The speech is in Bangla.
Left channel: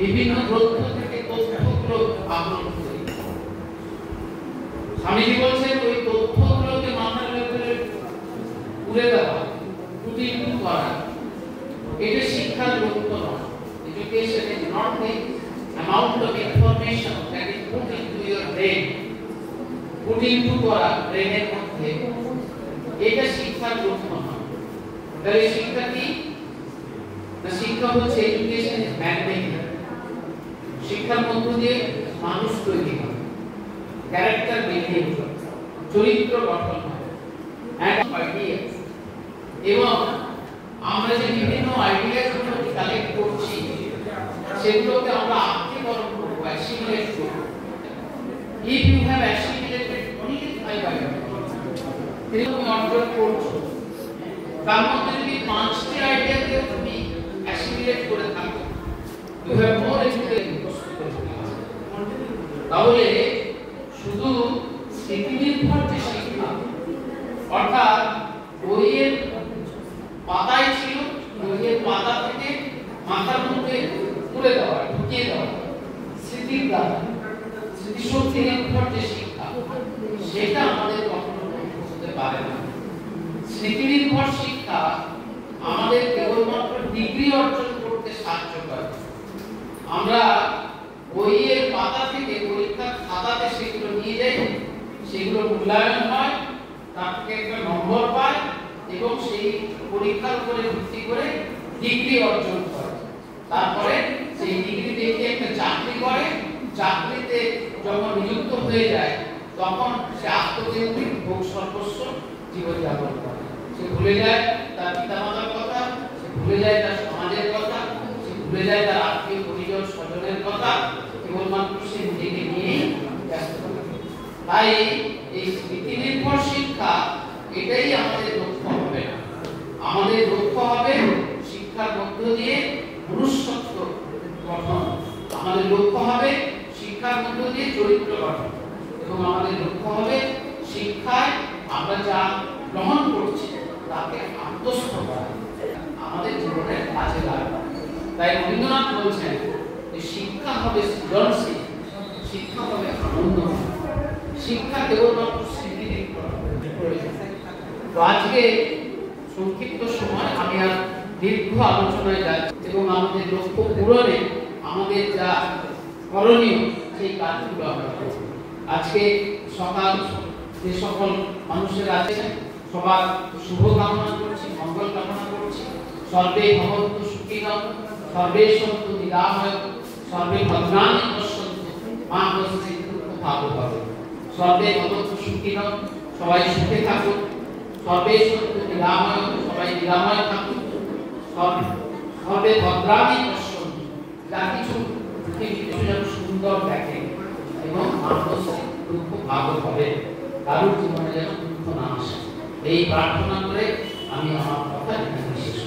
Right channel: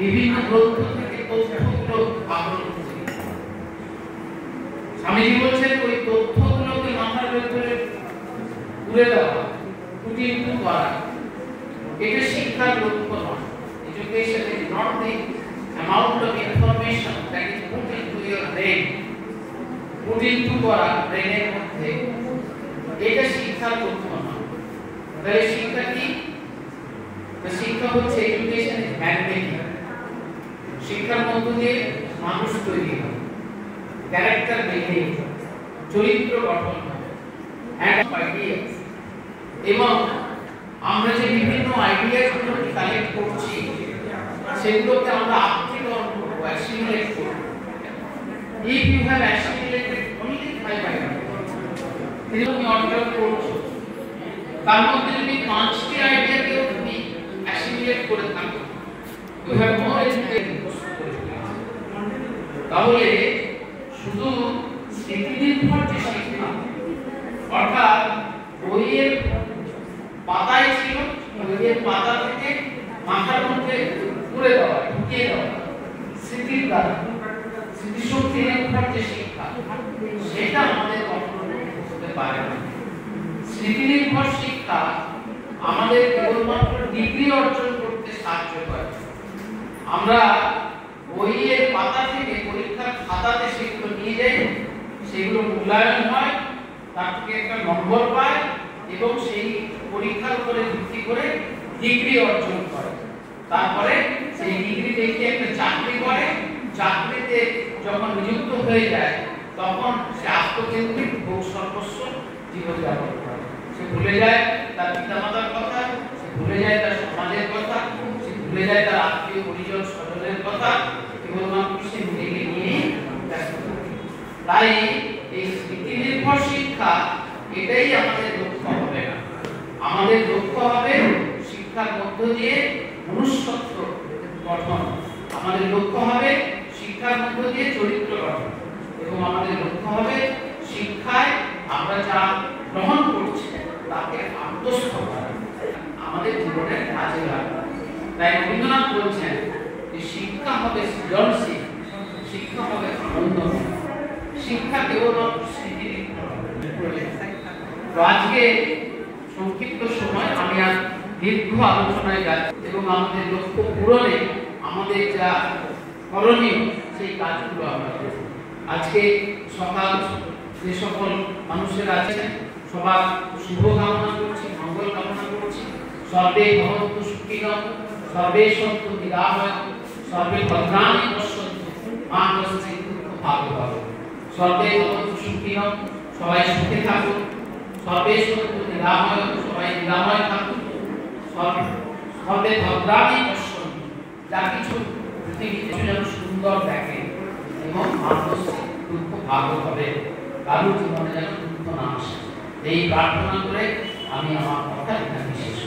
বিভিন্ন গ্রন্থ থেকে তথ্যগুলো আহরণ করি। স্বামীজি বলছেন ওই তথ্যগুলোকে মাথার ভেতরে পুরে দেওয়া, কুটিন্টু করা, এটা শিক্ষার লক্ষ্য নয়। Education is not the amount of information that is put into your brain, put into করা ব্রেনের মধ্যে, এটা শিক্ষার লক্ষ্য নয়। তাহলে শিক্ষা কি? শিক্ষা হচ্ছে এডুকেশন ইজ ম্যাগনেটিক। শিক্ষার মধ্য দিয়ে মানুষ তৈরি হয়, ক্যারেক্টার বিল্ডিং, চরিত্র গঠন হয়, এবং আমরা যে বিভিন্ন আইডিয়াগুলো কালেক্ট করছি সেগুলোকে আমরা আত্মীকরণ করবো, অ্যাসিমিলেট করবো। If you have assimilated only 5 ideas, তুমি অর্জন করছো, তার মধ্যে যদি 5টি আইডিয়াকে তুমি অ্যাসিমিলেট করে থাকো, you have more intelligence। তাহলে শুধু স্মৃতিনির্ভর যে শিক্ষা, অর্থাৎ বইয়ের পাতায় ছিল, বইয়ের পাতা থেকে মাথার মধ্যে তুলে দেওয়া, ঢুকিয়ে দেওয়া, স্মৃতির দ্বারা স্মৃতিশক্তি নির্ভর যে শিক্ষা, সেটা আমাদের কখনো হতে পারে না। স্মৃতি নির্ভর শিক্ষা আমাদের কেবলমাত্র ডিগ্রি অর্জন করতে সাহায্য করে। আমরা বইয়ের পাতা থেকে পরীক্ষার খাতাতে সেগুলো নিয়ে যাই, সেগুলো মূল্যায়ন হয়, তার থেকে একটা নম্বর পায় এবং সেই পরীক্ষার উপরে ভিত্তি করে ডিগ্রি অর্জন করে। তারপরে সেই ডিগ্রি দেখে একটা চাকরি করে, চাকরিতে যখন নিযুক্ত হয়ে যায় তখন সে আত্মকেন্দ্রিক ভোগ সর্বস্ব জীবনযাপন করে। সে ভুলে যায় তার পিতামাতার কথা, সে ভুলে যায় তার সমাজের কথা, সে ভুলে যায় তার আত্মীয় পরিজন স্বজনের কথা, কেবলমাত্র সে নিজেকে নিয়ে ব্যস্ত থাকে। তাই এই স্মৃতি নির্ভর শিক্ষা এটাই আমাদের লক্ষ্য হবে না। আমাদের লক্ষ্য হবে শিক্ষার মধ্য দিয়ে মনুষ্যত্ব গঠন, আমাদের লক্ষ্য হবে শিক্ষার মধ্য দিয়ে চরিত্র গঠন, এবং আমাদের লক্ষ্য হবে শিক্ষায় আমরা যা গ্রহণ করছি তাকে আত্মস্থ করা, আমাদের জীবনের কাজে লাগা। তাই রবীন্দ্রনাথ বলছেন যে শিক্ষা হবে সৃজনশীল, শিক্ষা হবে আনন্দময়, শিক্ষা কেবলমাত্র স্মৃতি নির্ভর হবে। আজকে সংক্ষিপ্ত সময় আমি আর দীর্ঘ আলোচনায় যাচ্ছি এবং আমাদের লক্ষ্য পূরণে আমাদের যা করণীয় সেই কাজগুলো আমরা করব। আজকে সকাল যে সকল মানুষেরা আছেন সবার শুভ কামনা করছি, মঙ্গল কামনা করছি। সর্বে ভবন্তু সুখিনঃ, সর্বে সন্তু নিরাময়ঃ, সর্বে ভদ্রাণি পশ্যন্তু মা কশ্চিৎ দুঃখভাগ্ ভবেৎ। সর্বে ভবন্তু সুখিনঃ, সবাই সুখে থাকুন। সর্বে সন্তু নিরাময়ঃ, সবাই নিরাময় থাকুন। সর্বে ভদ্রাণি পশ্যন্তু, যা কিছু পৃথিবীতে যেন সুন্দর দেখে, এবং মা কশ্চিৎ দুঃখভাগ্ ভবেৎ, কারোর জীবনে যেন দুঃখ না আসে। এই প্রার্থনা করে আমি আমার কথা এখানে শেষ